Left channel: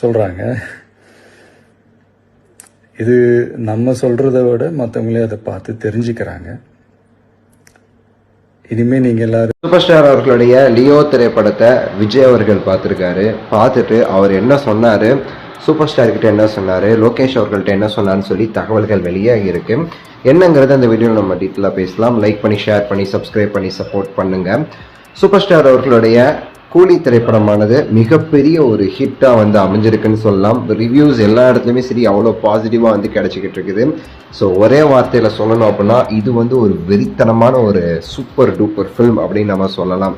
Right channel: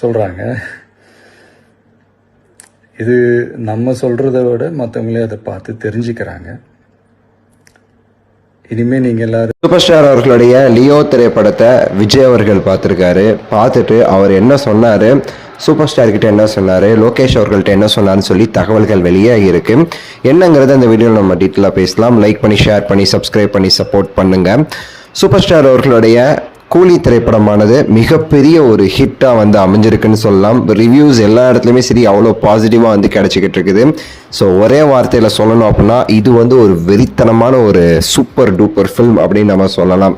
சொல்கிறாங்க. இது நம்ம சொல்கிறத விட மற்றவங்களே அதை பார்த்து தெரிஞ்சுக்கிறாங்க. இனிமேல் நீங்கள் எல்லாரும் சூப்பர் ஸ்டார் அவர்களுடைய லியோ திரைப்படத்தை விஜய் அவர்கள் பார்த்துருக்காரு. பார்த்துட்டு அவர் என்ன சொன்னார், சூப்பர் ஸ்டார்கிட்ட என்ன சொன்னார், லோகேஷ் அவர்கள்ட்ட என்ன சொன்னார்னு சொல்லி தகவல்கள் வெளியாகி இருக்கு. என்னங்கிறது அந்த வீடியோவில் நம்ம டீட்டெயிலாக பேசலாம். லைக் பண்ணி, ஷேர் பண்ணி, சப்ஸ்கிரைப் பண்ணி சப்போர்ட் பண்ணுங்கள். சூப்பர் ஸ்டார் அவர்களுடைய கூலி திரைப்படமானது மிகப்பெரிய ஒரு ஹிட்டாக அமைஞ்சிருக்குன்னு சொல்லலாம். ரிவ்யூஸ் எல்லா இடத்துலையுமே சரி அவ்வளோ பாசிட்டிவாக கிடைச்சிக்கிட்டு இருக்குது. ஸோ ஒரே வார்த்தையில் சொல்லணும் அப்படின்னா இது ஒரு வெறித்தனமான ஒரு சூப்பர் டூப்பர் ஃபில்ம் அப்படின்னு நம்ம சொல்லலாம்.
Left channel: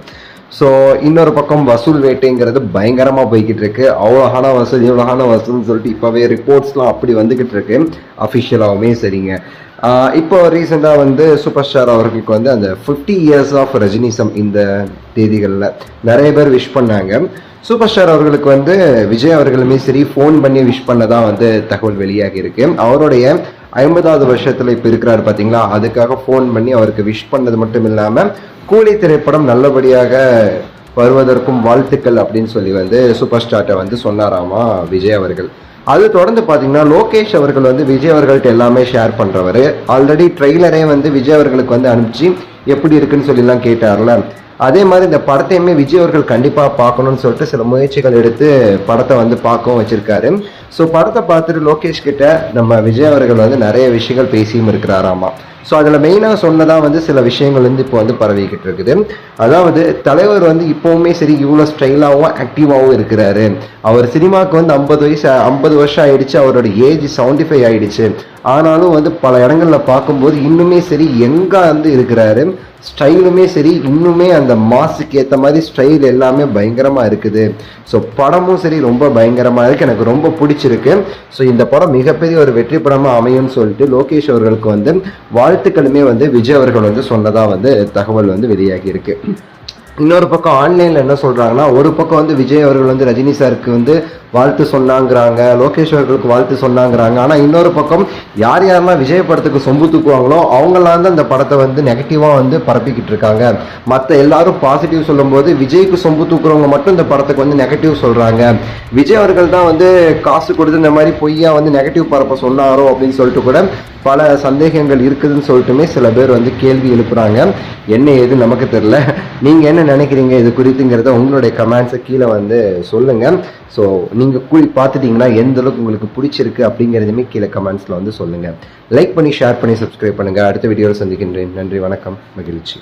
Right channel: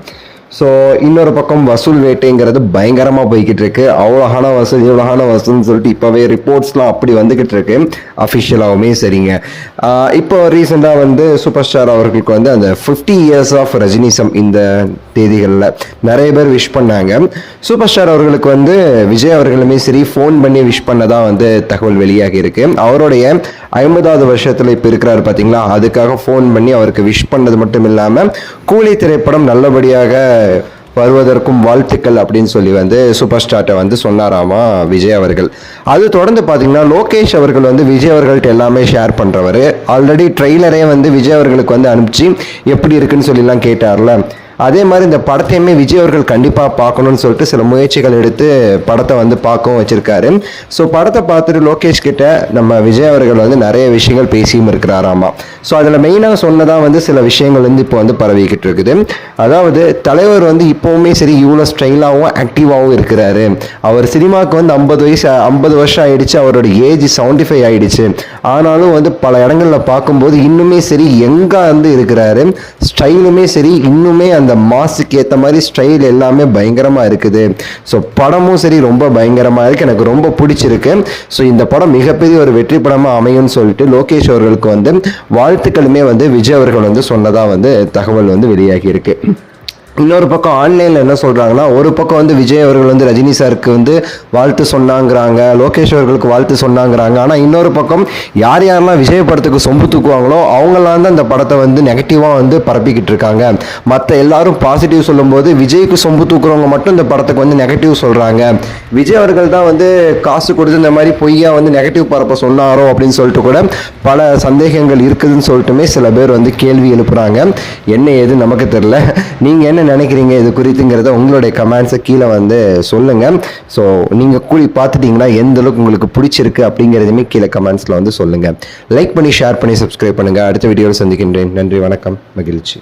ஸோ இன்னொரு பக்கம் வசூல் வேட்டைங்கிறது பயங்கரமாக போய்கிட்டு இருக்கு. அவ்வளோகான வசூல் இவ்வளோகான வசூல்னு சொல்லிட்டு இப்போவே ரிப்போர்ட்ஸ்லாம் அப்படி வந்துக்கிட்டு இருக்கு. அஃபிஷியலாகவுமே சரிங்க. இப்போ ரீசெண்டாக சூப்பர் ஸ்டார் அவர்களுக்கு அந்த 50 years ஆஃப் ரஜினிசம் இந்த தேதிகளில் நிறைய பேர் விஷ் பண்ணாங்க. சூப்பர் ஸ்டார் அவர்களுக்கு விஜய் அவர்களுமே சரி ஃபோன் பண்ணி விஷ் பண்ணதான் தகவல் வெளியாகி இருக்கு. அவருடைய 50வது வருஷத்தில் இப்போ இருக்கிறாரு பார்த்தீங்களா, அதுக்காக ஃபோன் பண்ணி அவருக்கு விஷ் பண்ணது மட்டும் இல்லாமல் கூலி திரைப்படம் நல்லபடியாக வருவதற்கும் வாழ்த்துக்கள் அப்படின்னு சொல்லி சூப்பர் ஸ்டார்ட்டை சொன்னாராமா விஜய் அவர்கள். அது தொடர்ந்து பார்த்தீங்கன்னா லோகேஷ் அவர்கள் விஜய் அவர்கள்ட்ட எல்லாமே ஷேர் பண்ணுறவர். ஆல்ரெடி ட்ரெய்லரே விஜய் அவர்களுக்கு அனுப்பிச்சு எப்படி இருக்குன்னு சொல்லிலாம் கேட்டார்ல. அதே மாதிரி இந்த படத்தையுமே விஜய் அவர்கள் கண்டிப்பாக பார்க்கணும்னு சொல்லிட்டு சில முயற்சிகள் எடுத்து படத்தை பார்க்கவும் வச்சிருக்காரு. ஸோ படத்தை பார்த்துட்டு லோகேஷ் கிட்ட நம்ம விஜய் அவர்கள் நிறைய விஷயங்கள் பேசியும் இருக்கிறாராமா. ஸோ அதில் மெயினாக சொன்னதாக சில விஷயங்கள் இப்போ பரவிக்கிட்டு இருக்குது. அதாவது தலைவர் இப்போவுமே சரி இவ்வளோ ஸ்டைலாகவும் ஆக்டிவாகவும் இருக்கிறாரு. அவர் சினிமாவுக்கு 50 வருஷம் ஆயிடுச்சு. அவரோட ஏஜ் 75 ஆயிடுச்சு. ஆனாலும் பல இடங்களில் பார்க்கும்போது இன்னுமே சரி எங்கே இருக்கிறாரு. ஸ்டைலுமே சரி இன்னுமே அந்த மாஸுக்கு ஏற்ற மாதிரி ஸ்டைல் எல்லாமே பயங்கரமாக இருக்குது. ஸோ படமும் சரி ரொம்ப பயங்கரமாக இருக்குது. எனக்கு ரொம்ப பிடிச்சிருக்கு. ஸோ இந்த படம் மிகப்பெரிய ஒரு வெற்றி படமாக அமையும்னு சொல்லிட்டு லோகேஷ் அவர்களுக்கு வாழ்த்துக்களுமே விஜய் அவர்கள் சொன்னதாக தகவல் வெளியாகி இருக்கு. இன்னொரு பக்கம் ஆன்லைனில் என்ன சொல்கிறாங்கன்னா, ஒரு பக்கம் விஜய் அவர்கள் ரஜினி சாருக்கு வாழ்த்து சொன்னாங்கிறாங்க, லோகேஷ் அவர்களுக்கு வாழ்த்து சொன்னாங்கிறாங்க. ஆனால் இன்னொரு பக்கம் யாரெல்லாம் விஜய் படத்துக்கு சொம்பு தூக்குவாங்களோ அவங்களாம் அந்த படத்தை நெகட்டிவாக பரப்பிக்கிட்டு இருக்காங்க. மற்ற எல்லாரும் பாசிட்டிவ் சொல்லும்போது விஜய்க்கு சொம்பு தூக்குறவங்க மட்டும் இந்த படத்துக்கு நெகட்டிவ் சொல்கிறாங்க. விஜய் அவர்கள் தான் காசு கொடுத்து இந்த மாதிரி பொய்யா நெகட்டிவ் பரப்ப சொன்னாரோ அப்படின்னு சொல்லிட்டு கூட பல சந்தேகங்கள் இருக்குதுன்னு சொல்லிட்டுமே சில பேர் கேள்வி எழுப்புறாங்க. என்ன ஏது நமக்கு தெரியல. நீங்கள் என்ன நினைக்கிறீங்க இது குறித்துங்கிறத உங்களுடைய கமெண்ட்ஸை கீழே சொல்லுங்க. ஸோ நீங்கள் கூலி பார்த்துட்டீங்கன்னா எந்த அளவுக்கு உங்களுக்கு பிடிச்சிருக்கு அப்படிங்கிறதுமே கீழே கமெண்ட்ஸில் சொல்லுங்க. லைக் பண்ணி, ஷேர் பண்ணி, சப்ஸ்கிரைப் பண்ணுங்க. அடுத்த வீடியோவில் சந்திக்கின்றேன். நன்றி, வணக்கம், மகிழ்ச்சி.